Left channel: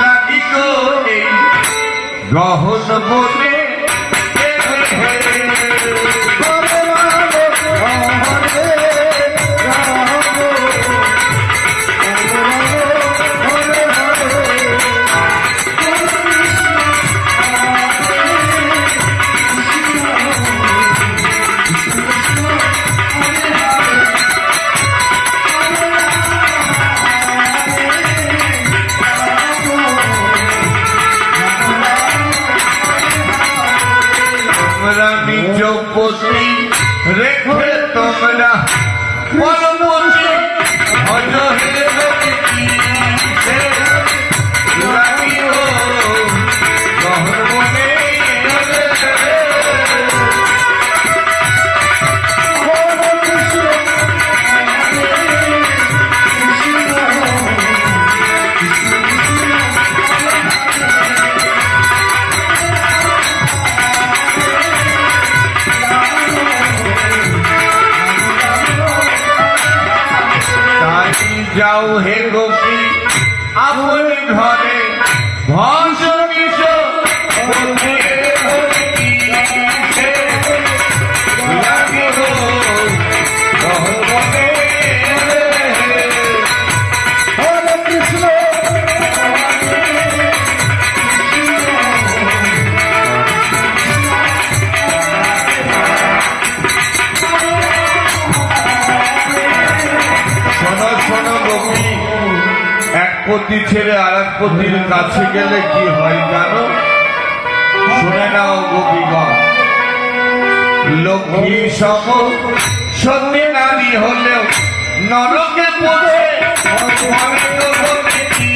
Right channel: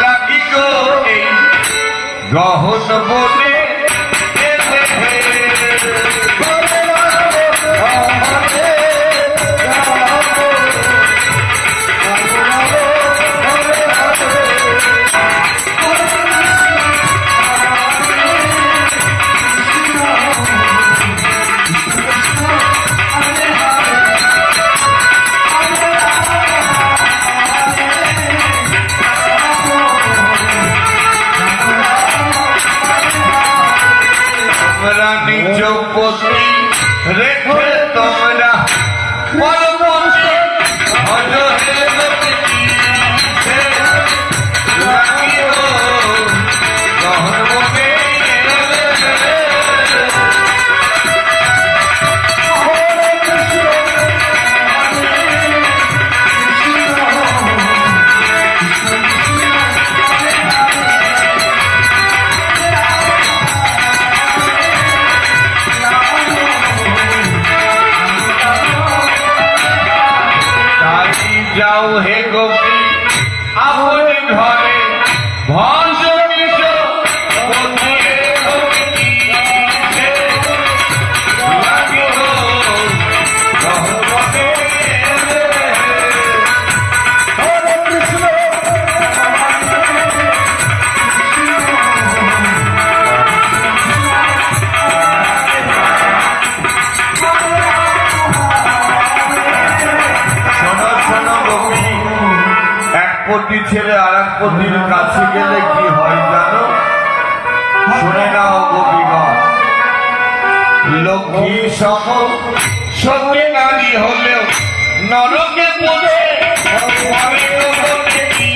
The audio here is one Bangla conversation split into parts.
লাগি গো এই গহন বনে নিজ পতি রেখে তোমরা পরমতি ভজ হে লোকি সে লাগিও গহনে যাও হে গোপী আপন ঘরে ভজ নিজ পতি ছেড়ে আর এক পতির কাছে গেলে কি হয় জানো? শুনে নাও গোপীগণ, লক্ষ্মী সম সত্যি নারী হলেও নরকে পড়ে আমি তো বলেছি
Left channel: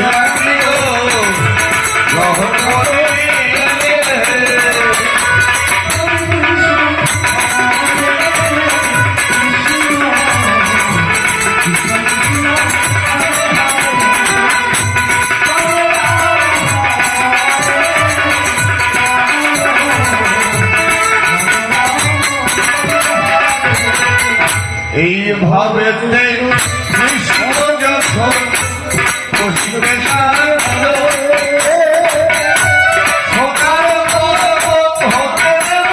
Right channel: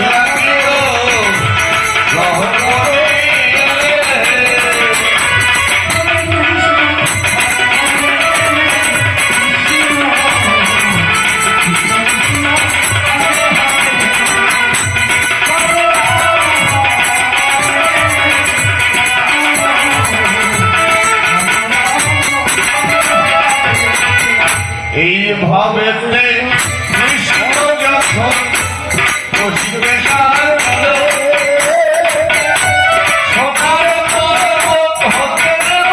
লাগিও গ্রহণ করে এইভাবে কৃষ্ণ যখন বসিবে সকাল হতে দেব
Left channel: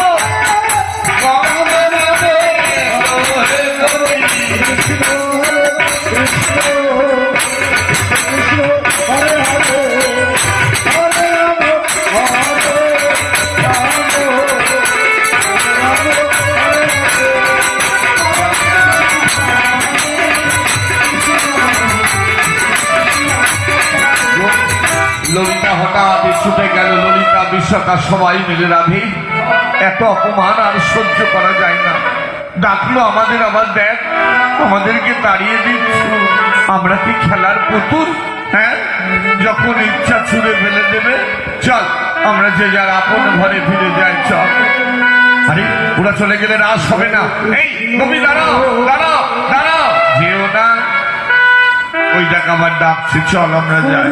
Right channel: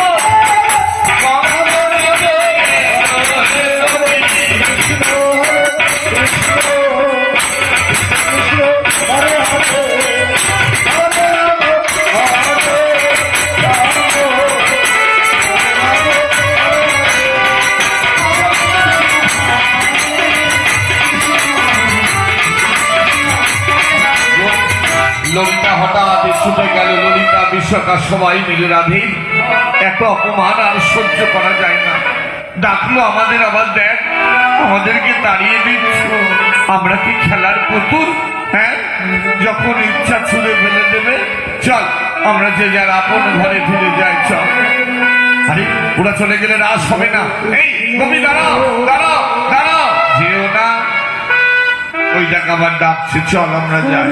হরে হরে ললিতা হঠাৎ ছুটে গেল। ললিতা বিশ্বকা সবাই মিলে রাধে এত অপমান আর সহ্য করা যায় না। ডাকলো আমাদের, আবার দেখ আমাদেরকে তাড়িয়ে দিচ্ছ। আমরা কি খেলার পুতুল? হ্যাঁ, যখন ইচ্ছা ছুড়ে ফেলে দেবে। চল আমরা যে যার আপন ঘরে ফিরে যাই। চল। আরে ওরা চলে গেলে রাস হবে না। এই তুমি দাঁড়াও দাঁড়াও দাঁড়াও, যেও না। ওই জায়গা আবার ডাকছে, চল আমরা যাই।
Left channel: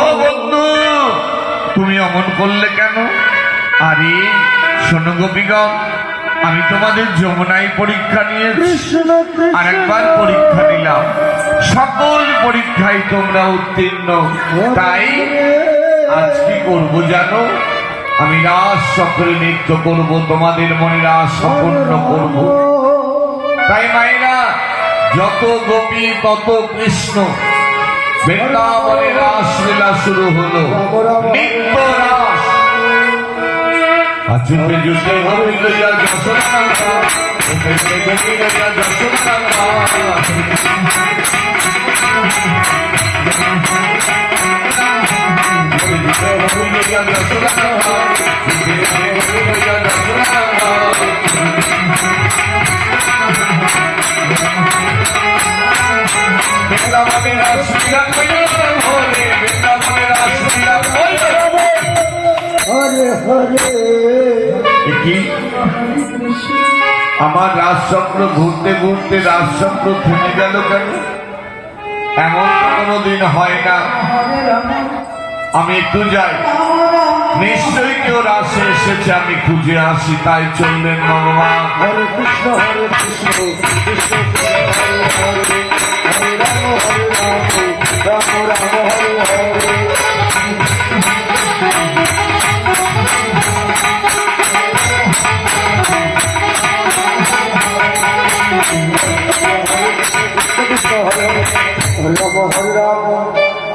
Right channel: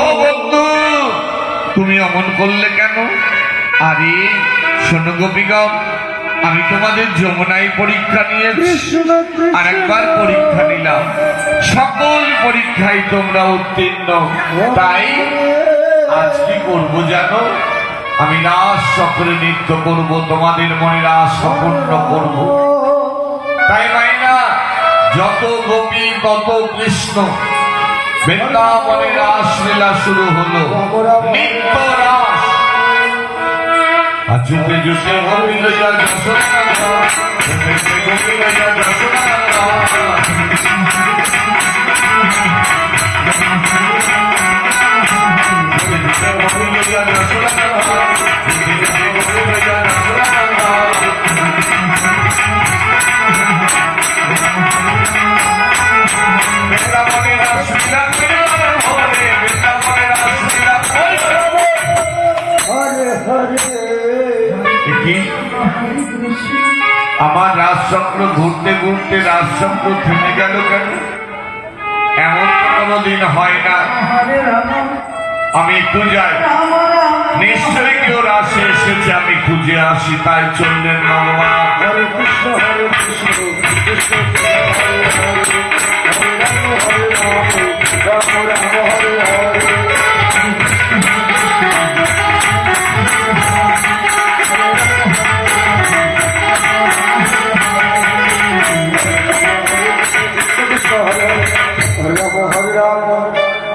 ও বন্ধু, তুমি অমন করলে কেন? আরে শোনো গোপীগণ, আমি তোমাদের যমুনায় পরীক্ষা নিয়েছি, আরেকবার পরীক্ষা নিলাম। সকল পরীক্ষায় তোমরা উত্তীর্ণ। তাই আজ কি করবো জানো? আমি রাস চক্রে নৃত্য করব, তোমাদের মনের আশা পূর্ণ করব। তাই মাইনা যত গোপী তত কৃষ্ণ, বৃন্দাবনে রাসলীলা শুরু হলো, নিত্য রাস। আচুকে জুটে গোবিন্দ যা যশোদা, গোবিন্দ যা যশোদা। গোবিন্দ যা যশোদা, গোবিন্দ যা যশোদা। আমার রাজচক্র ঘুরতে ঘুরতে রাজচক্র থেমে গেল কেন? এমন কোনদিন হয় না। আমি একটু যাই, নিশ্চয়ই কেউ রাশে এসেছে, আমি খুঁজে আসি। তাই চললেন ভগবান। হরে কৃষ্ণ হরে কৃষ্ণ কৃষ্ণ হরে হরে হরে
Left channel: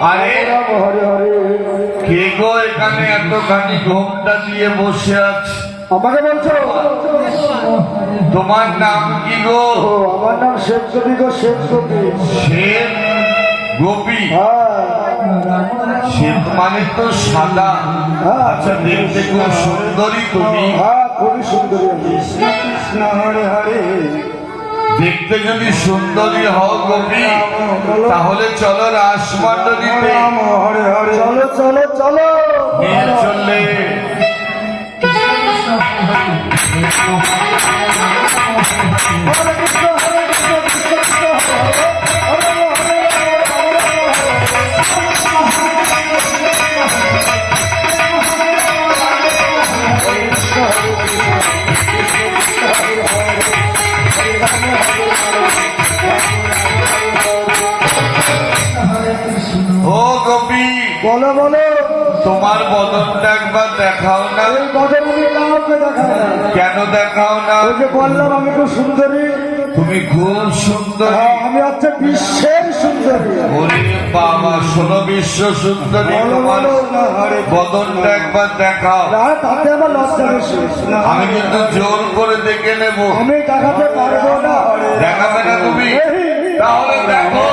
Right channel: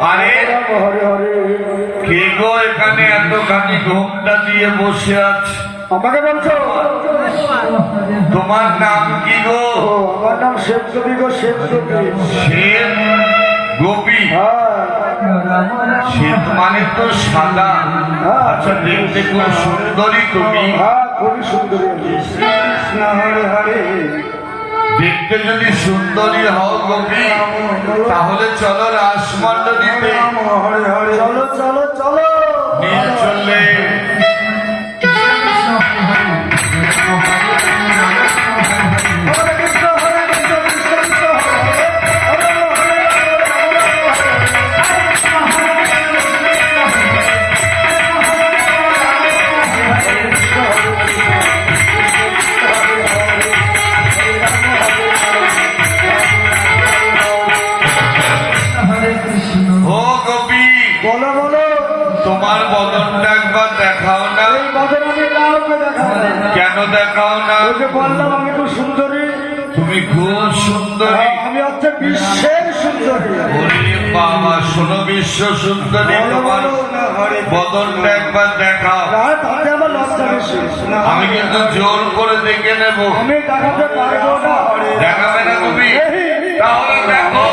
আরে কে গো এখানে এতখানি ঘোমটা দিয়ে বসে আছে? আমাকে বলছো? তোমার নাম কি গো? আমার নাম শেখ কবি গো, শেখ কবি। শ্বেত গোপী? হ্যাঁ। শ্বেত মানে তো সাদা। আচ্ছা, দেখতে খুব সুন্দরী তুমি। হ্যাঁ, খুবই সুন্দরী। কৃষ্ণ হরে হরে। দেখতে যদি সুন্দরী হও গোপী, তাহলে চলো রাসমণ্ডলীতে। হরে হরে। চলো চলো চলো। নিয়ে চললে হরে কৃষ্ণ হরে কৃষ্ণ, কৃষ্ণ কৃষ্ণ হরে হরে, হরে হরে ও গোপী, বলো বলো। তোমার বদনটা একবার দেখাও না। এই বদন আমি কাউকে দেখাবো না। কেন দেখাও না? ওই যে বললাম আমি খুব সুন্দরী। তুমি খুব সুন্দরী। আমি হচ্ছে বিশ্বের সুন্দরী। ওরে বাবা, শোনো, বিশ্ব সুন্দরী তোমার বদনটা একবার দেখাও। তাতে আমার লজ্জা বেশি। আমি কিন্তু জোর করে দেখে নেব। আমি দেখাতে পারবো না। দেখাবে না তুমি? তাহলে দেখো।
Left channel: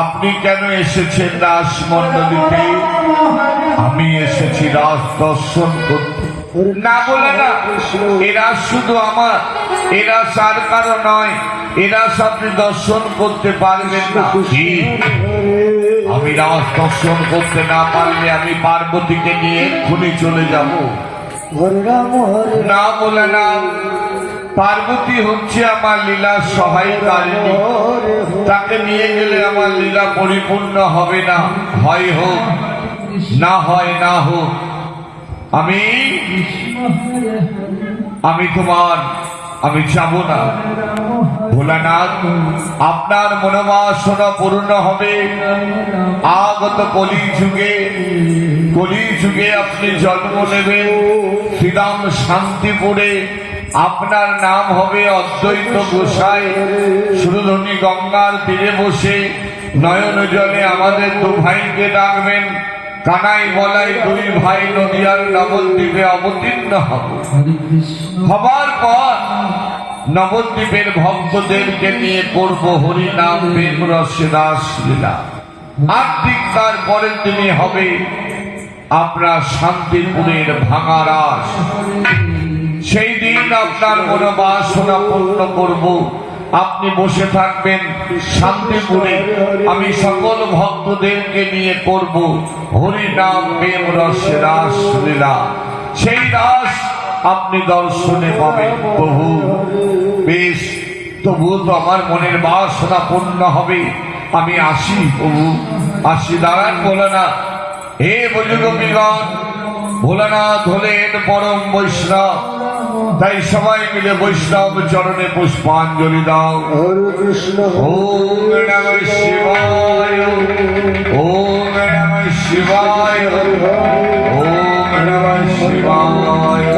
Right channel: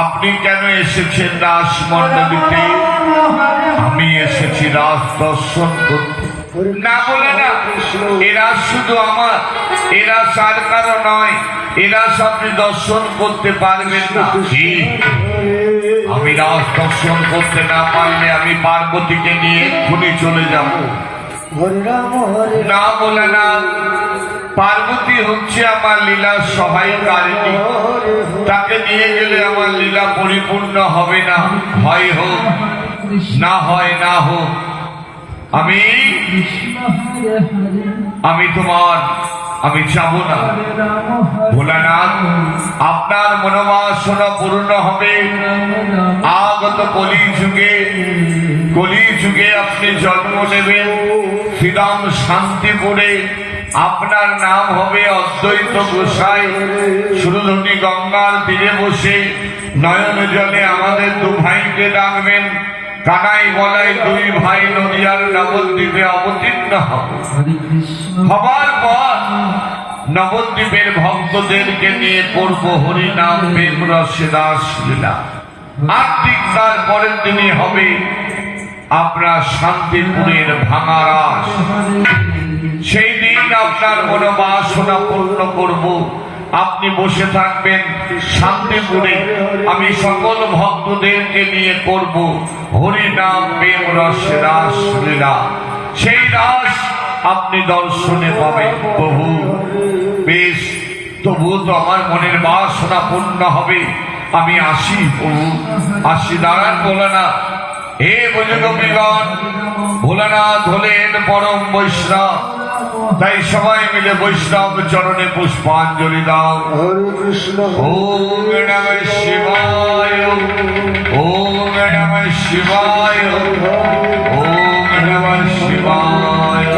আপনি কেন এসেছেন রাসমণ্ডলীতে? আমি এসেছি রাস দর্শন করতে। না বলে না, এরা শুধু আমার, এরা সার কারো নয়, এরা আপনি দর্শন করতে পারবেন না। আমি রাস দর্শন করতে না পারলে আমি পার্বতীকে নিয়ে এক্ষুনি চলে যাব। না বলে না, পার্বতী হচ্ছে আমার লীলার সহায়কারিণী। তাকে নিয়ে গেলে আমার লীলা পরিপূর্ণ হবে না। হয় হোক, না হয় না হোক, আমি তোমার, আমি যাব না। ভোলানাথ, আপনার মনোবাসনা পূর্ণ হবে। আগত কলি যুগে আপনি জন্ম নেবেন শ্রীরাম শান্তিপুরে। আপনার নাম হবে অদ্বৈত গোসাই। সুরধনী গঙ্গার তীরে বসে নয়ন জলে আমাদের দু ভাইকে ডাকবেন। কানাই বলাই দুই ভাই নদিয়ার নবদ্বীপে অবতীর্ণ হবে। হবার পর নবদ্বীপের ভক্তদেরকে নিয়ে করব হরিনাম প্রেম রসে রাস লীলা। আর ঠিক তার পরের দিনই হবে আপনার শান্তিপুরের ভাঙা রাস। সেই দিন আপনার মনোবাসনা পূর্ণ করব। আপনি বসে থাকবেন শান্তিপুরে। আমি সকল ভক্তদেরকে নিয়ে করব হরিনাম প্রেম রসে রাস লীলা। সেই রাস আপনি দর্শনে পাবেন প্রভু। বেশ, তবু তো আমার মনের বাসনা পূর্ণ হবে। আমি আসি প্রভু, আসি। দাঁড়ান ভোলানাথ। হে ভোজগোপীগণ, ভোলানাথ হলেন পরম বৈষ্ণব। তাই সবাই মিলে বৈষ্ণব চরণে পুষ্পাঞ্জলি দাও। ওম নমঃ শিবায়, ওম নমঃ শিবায়, ওম নমঃ শিবায়।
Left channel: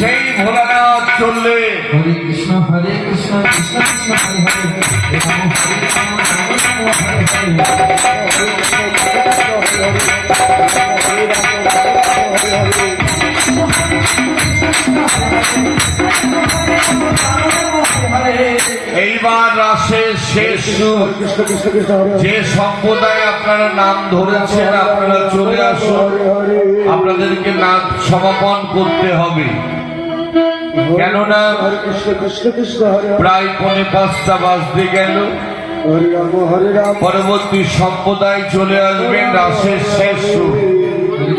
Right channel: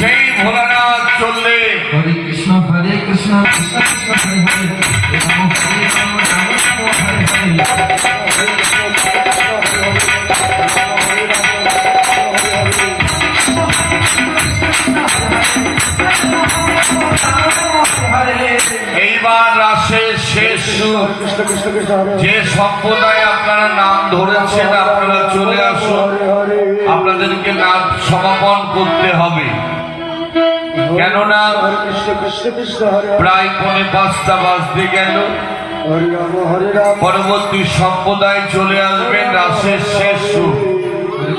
সেই ভোলানাথ চললে হরে কৃষ্ণ কৃষ্ণ কৃষ্ণ হরে হরে রাম হরে রাম রাম হরে হরে। এইবার রাসের শেষ সুর। যে সম্প্রদায় আপনারা নাম ধরেছেন আপনারা চলে আসুন। আপনাদেরকে নাম সমাপন করতে হবে, কেননা প্রায় ৫:৫ বাজতে গেল। হরি রাম হরি রাম পরবর্তী সম্প্রদায় চলে আসবেন রাসের